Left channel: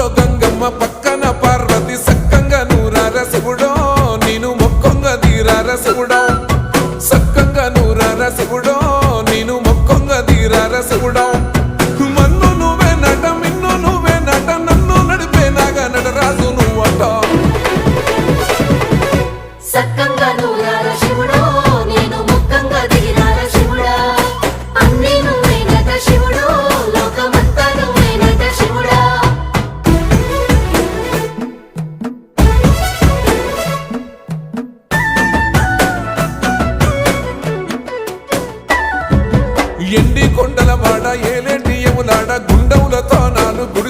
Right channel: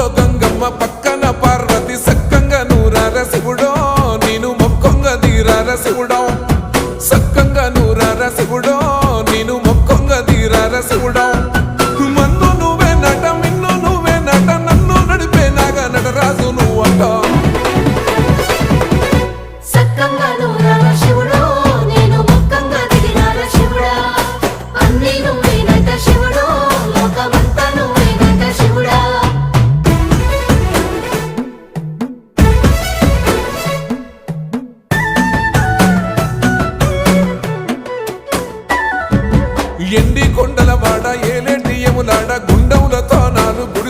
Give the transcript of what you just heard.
పక్కూర్లో గంగమ్మ పక్కన పార్వతి సక్కంగా నూరార శివుడో నేను మొక్కొంగ దీరార శివుడో సక్కంగా నూరార శివుడో నేను మొక్కొంగ దీరార శివుడో మన్ను నువ్వే నట మిన్ను నువ్వే నట నన్ను నడిపే నాగా నటరాజు నువ్వట ఎండి కొండల వాడ ఏలేటి యములాడ గుండములతో నాలు గుడి